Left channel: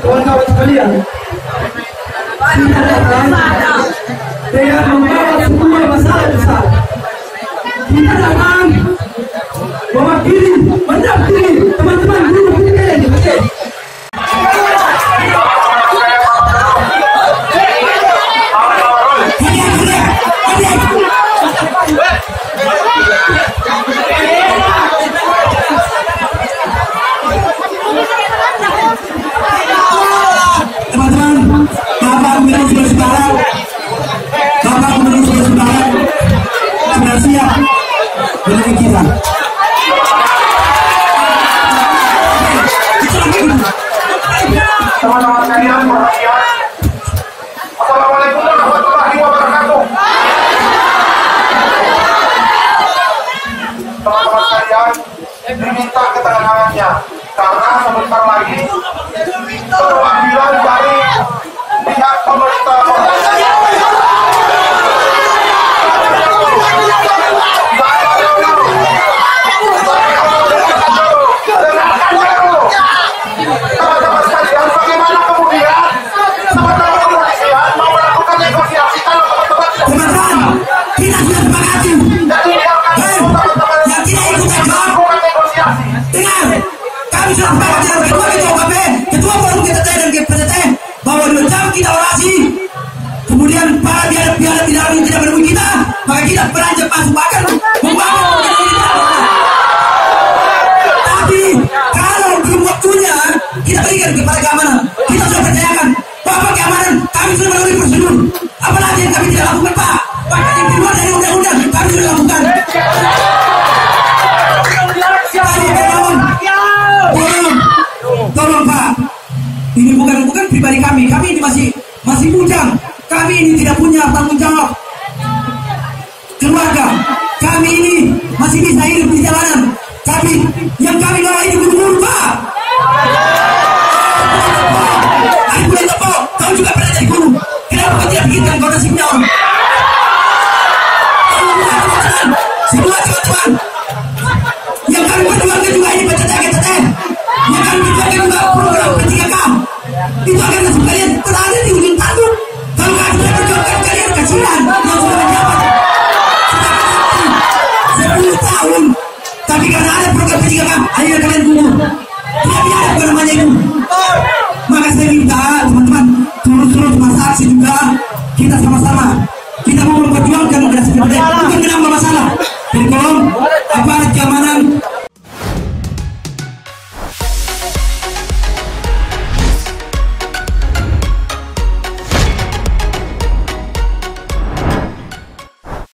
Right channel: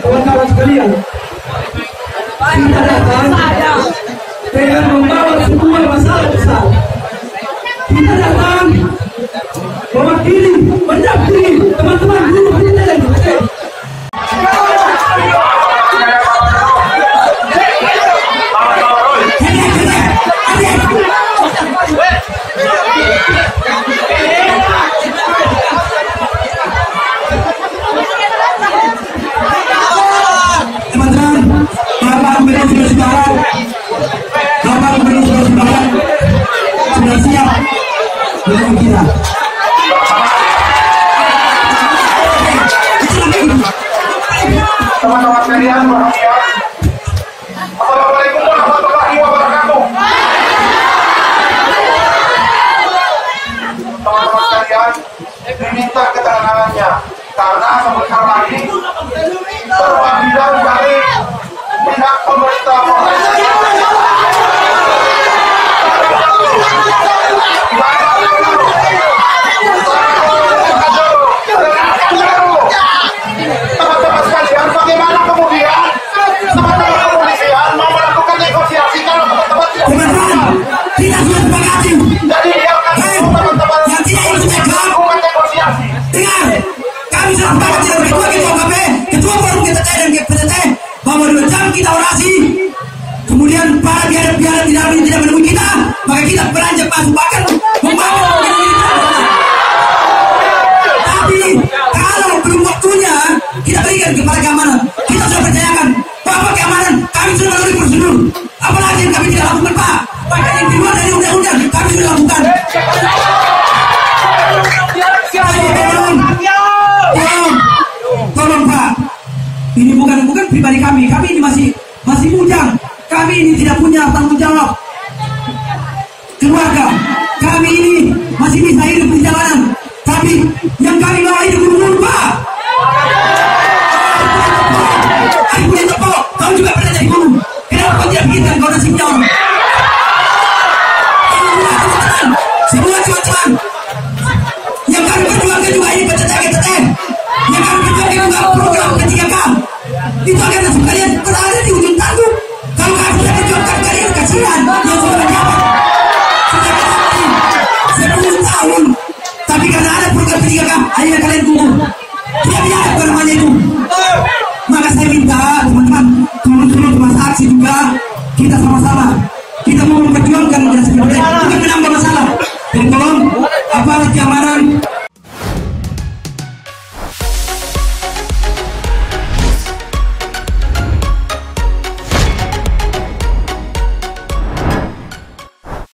Kawan-kawan sekalian, kita datang dengan membawa sebuah masalah besar. Kita datang mewakili, mendampingi teman-teman guru kita yang dipakai. Teman-teman sekalian, Assalamualaikum warahmatullahi wabarakatuh. Teman-teman sekalian, diminta keterangannya karena sebentar lagi perwakilan dari pihak pemerintah teman-teman sekalian, bagaimana kemudian teman-teman kepolisian mau melakukan negosiasi kalau teman-teman tidak sepakati? Jadi biarkan teman-teman melakukan negosiasi. Kami sudah sepakat dengan ketua forum kita dan PTT bahwa 2 jam kita orasi. Kemudian para biar tidak menemui kita, maka kita beranjak pasukan membangun. Tapi kalau belum waktunya kita berikan kepada keamanan. Kita sudah percayakan Bapak keamanan, kami sudah melalui prosedur. Apalagi yang kami tidak lakukan, Pak. Bahkan yang di luar dari undang-undang kami sudah lakukan. Tolong Pak, ini bukan pribadi kami ini masih bujang. Kami ini tidak punya tanggung jawab keluarga. Kami ini masih bisa hidup di jalanan. Tapi yang kami bawa ini buru-buru, Pak. Kau juga pernah jadi guru. Kenapa kau tidak bikin kau nasib jawab? Semua teman-teman yang kami perjuangkan juga ini PTT. Yang kami perjuangkan juga program P3K. Itu akan nasib kalian terada di ujung tanduk. Kalau kalian sudah perjuangkan kalian kasihan yang sudah menjabat sudah 10 tahun. Tapi karena ada program P3K, akhirnya kalian gugur. Tidak ada namanya itu. Maka saya minta teman-teman, seluruh saksi juga kita sama-sama